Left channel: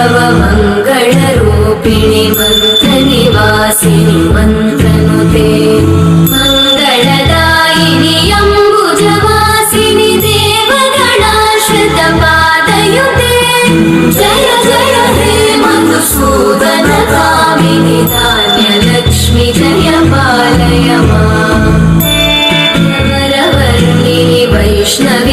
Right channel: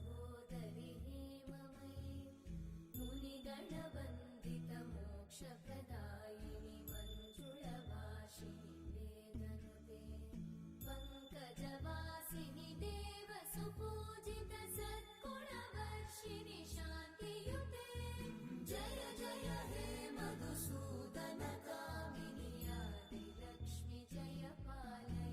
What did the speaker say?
सर्वमङ्गलरूपिणि मन्त्रनिवासिनि मन्त्रनुते मङ्गलदायिनि अम्बुजवासिनि देवगणाश्रितपादयुते जय जय हे मधुसूदनकामिनि धान्यलक्ष्मि जय पालय माम् वरवर्णिनि वैष्णवी